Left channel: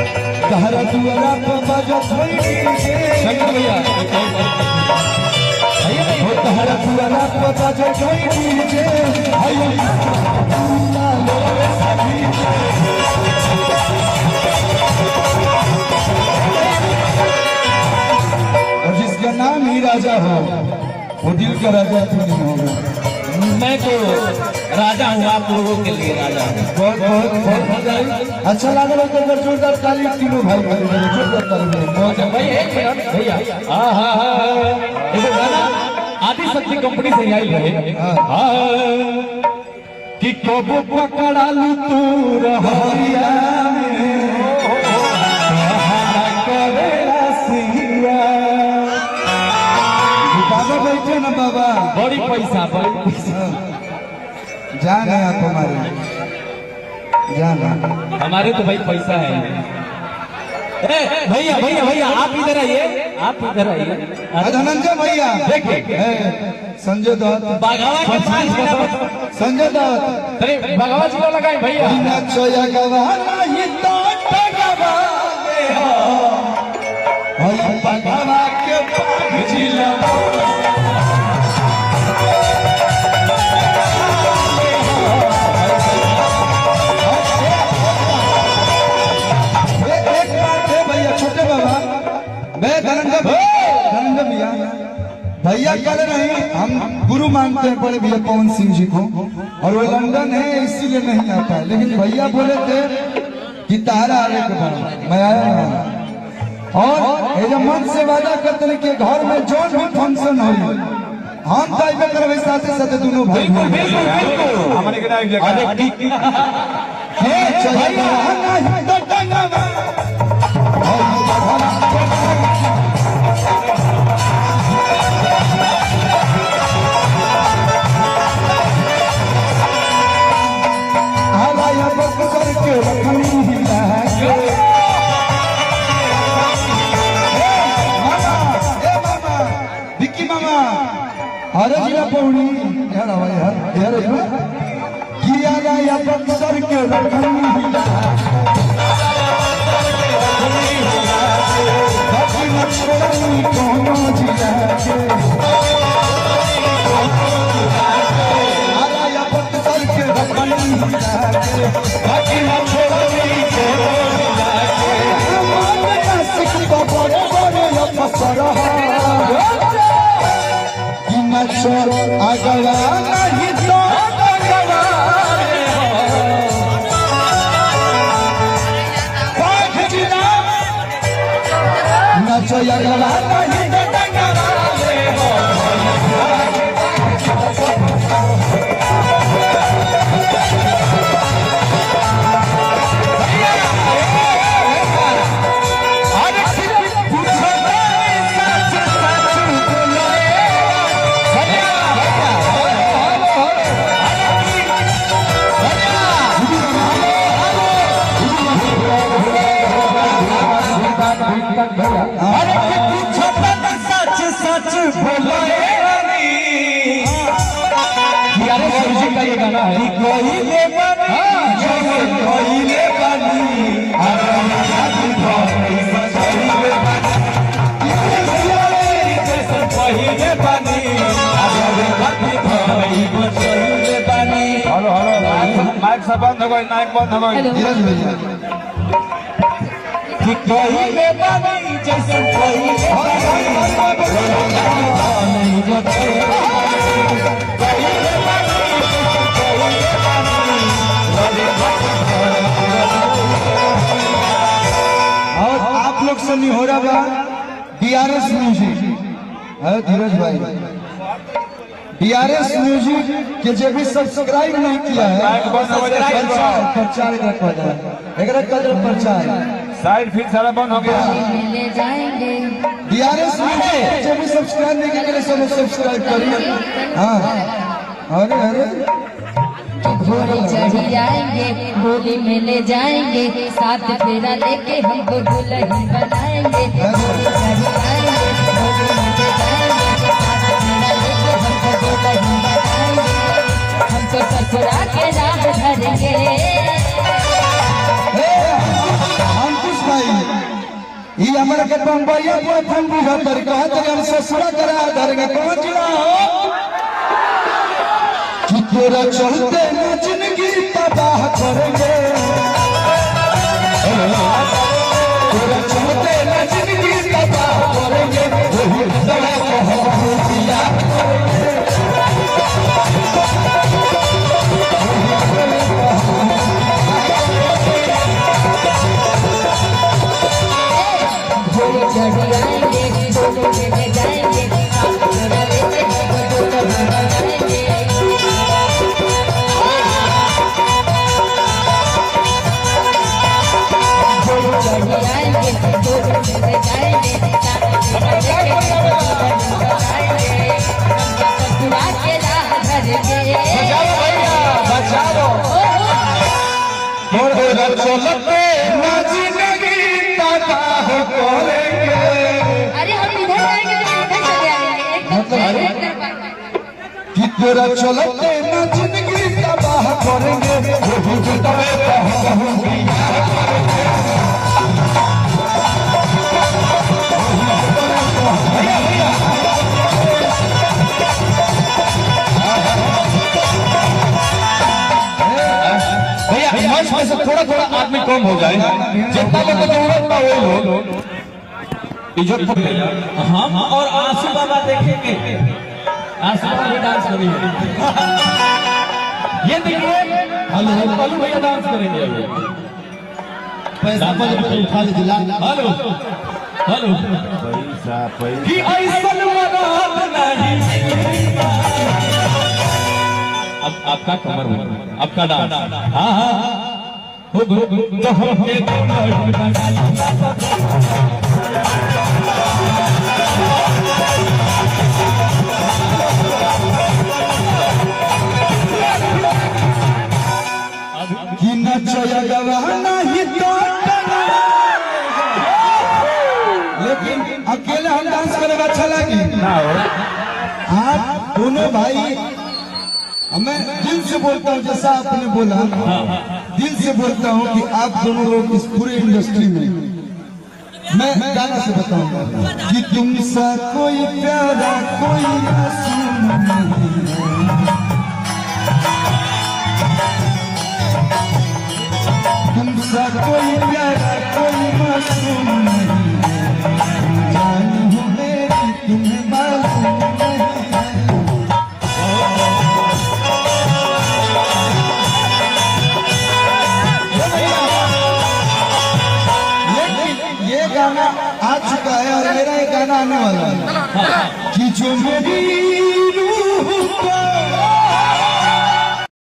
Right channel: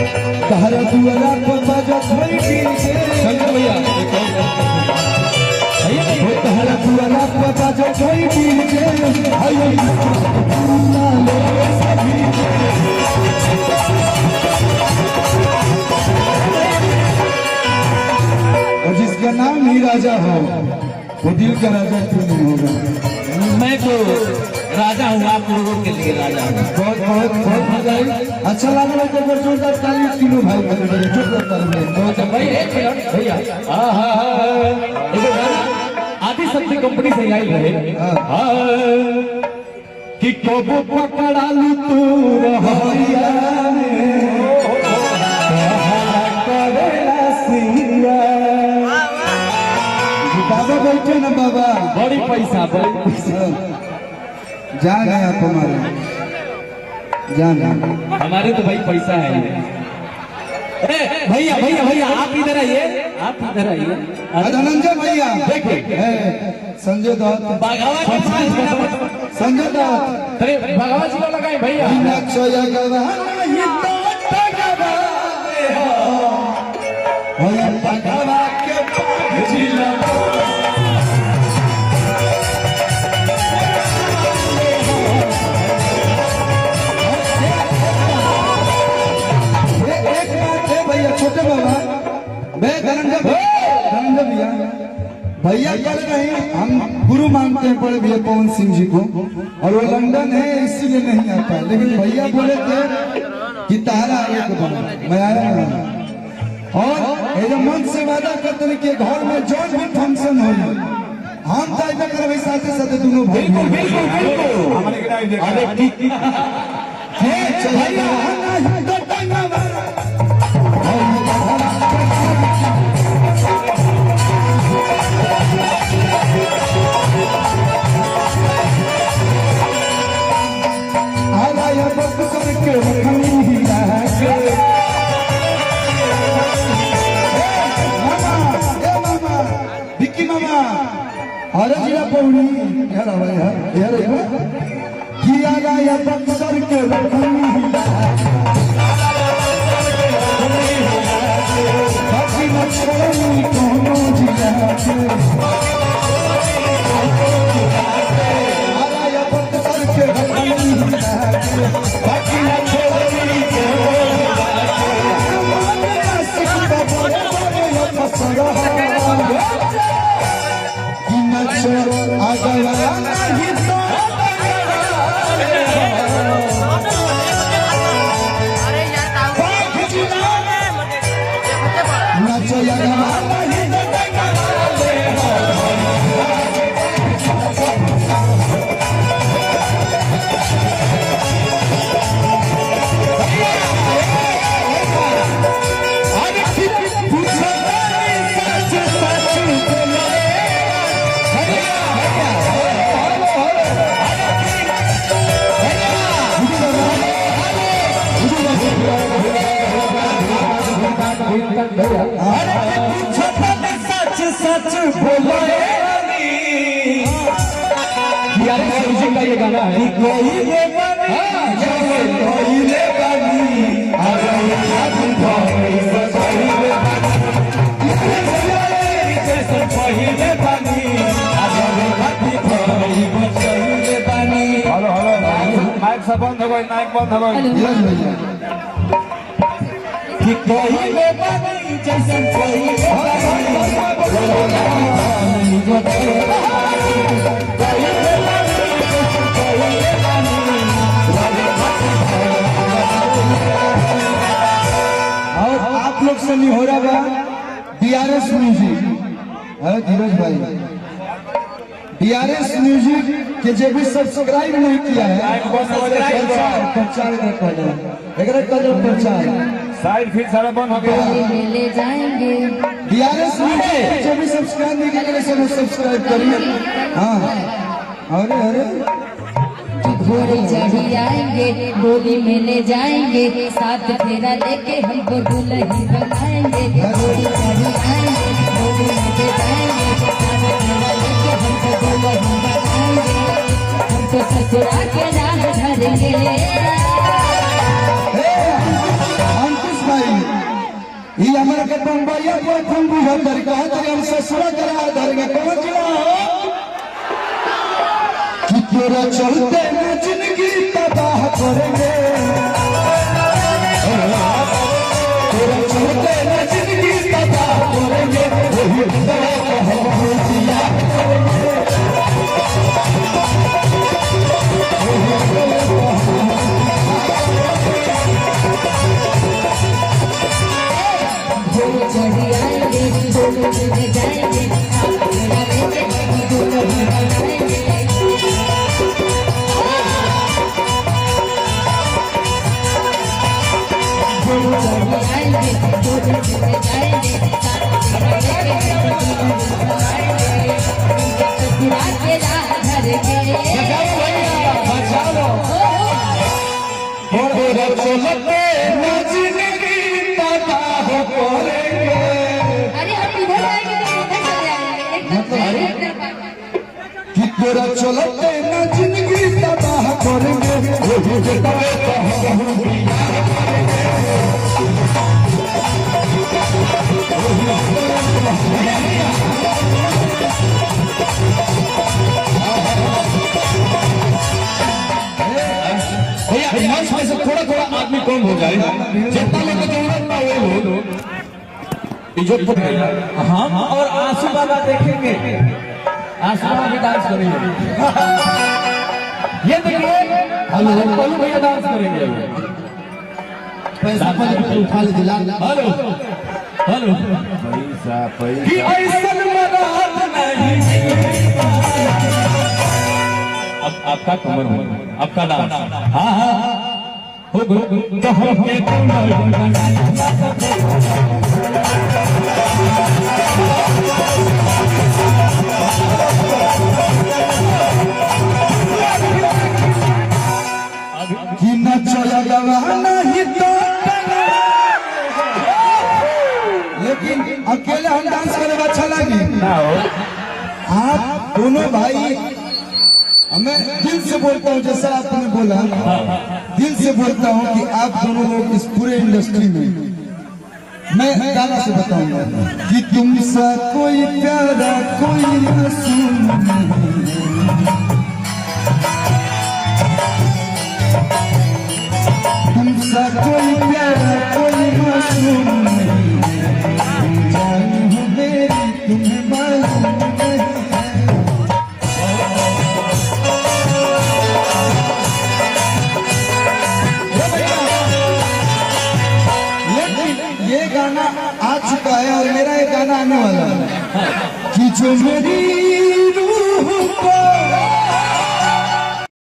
दुआरा पर बजत शंकर भैया तहरा दुआरा पर बजत और जिसका नाम ही राजा हो वो दिल का राजा क्यों नहीं होगा। मैं तो राजा हूँ, आप लोगों के लिए राजा हूँ। बहुत बहुत बहुत मजा आई। अच्छा लगा तो जोरदार ताली तीनों भाई बने जोरदार ताली भैया हाँ हाँ हाँ आदि शक्ति कंपनी से आई है कि कब पकड़ा लू तू रहरिया बाबा बैठे ना बाबा बड़ी पैसा बड़ी पैसा जान है आप हमारे जान हमारे तो भाई पैसा है। भैया भैया भैया आप इधर आइए, आप इधर आइए। धनंजय भैया देखिए संजय दत्त संजय दत्त अरे भगवान को लगाए भैया छोटे बाबा मैं धनंजय भैया भैया कह रहे हैं हम गुरु मानते हैं बड़े भैया पवन सिंह जी को और वो लंदन है इसीलिए नहीं आता, लेकिन भैया बोले थे कि तारा आने के बाद मैं आया और ये जो मन से वादा करते हैं कि घर में जो भी फंक्शन हो हम तय कर साथ साथ दोनों भाई अरे जिला पौनी यार किया राया बक्सर के रखनी बाकी मछली दोनों जिला के राया बक्सर के रखनी बाकी मछली अगला नहीं तो नचो अगला नहीं सच सच बोलो का ये गाना है कोई ले नायक सब बंद हो गई, नायक बंद हो गई जैसन कोई और आप लोग से नहीं हो रहा DRS म्यूजिक धीरज भाई PRS म्यूजिक के जो भी सब्सक्राइब नहीं किया है प्रचार प्रचार साइड फिर सारा बंद हो गया। मिले जाएंगे PRS म्यूजिक जो भी सब्सक्राइब नहीं किया सब सब्सक्राइब करिए। हाँ अरे अरे घोड़े चढ़ जाएंगे होली मिले जाएंगे साथ फेरा लेके हमको दुल्हन बनाएंगे। घोड़े चढ़ जाएंगे होली मिले जाएंगे साथ फेरा लेके हमको दुल्हन बनाएंगे। हमको ससुरा के नाम धरेंगे। अंकुश भाई ये हमारे के बम्बैया को फंबू भर कहा तो हम ससुरा करा धर के पहुंच रहा हो कि तेरा चलते न जिंदगी तबाह करेंगे। तेरा चलते न जिंदगी तबाह करेंगे। वही बड़ा कहवा दिया घोड़े चढ़ जाएंगे दोनों मिले जाएंगे साथ फेरा लेके हमको दुल्हन बनाएंगे। चलते न जिंदगी तबाह करेंगे। अरे हम इधर आएंगे तो इधर चले आएंगे एकदम कि तेरा चलते न जिंदगी तबाह करेंगे। वही बताए कहवा भैया मंच में से थोड़ा थोड़ा आदमी कम हो जाए, जितना लेकर जरूरत ना वो लोग इज्जत। हाँ और आंसू बाबा देखेंगे, आंसू बाबा भी डांस करेंगे। ये देखिए हेलो पल्लू भैया डांस करेंगे। पैसा उठा ले दिला। हेलो हेलो कि ऐसा मराद नहीं। अब आपका कमर हो, आपका नाम। हाँ हाँ हो कि न चलेगा नहीं तो लेकिन अकेले हम डांस करेगा अच्छा लगी। आप दोनों भाई मैं दिल से बोलता हूँ जैसा आपने बोला दिल से बोलता हूँ कि आप दोनों लोग इस पूरे इंडस्ट्री में मैं गाना से बताऊंगा कि तुमसा कोई प्यारा कोई मासूम तुमसा कोई प्यारा कोई मासूम जान हो मेरी तुम्हें मालूम नहीं। ये गाना आ चुका है और मेरा ये गाना आने वाला है कि जो मेरी रूह को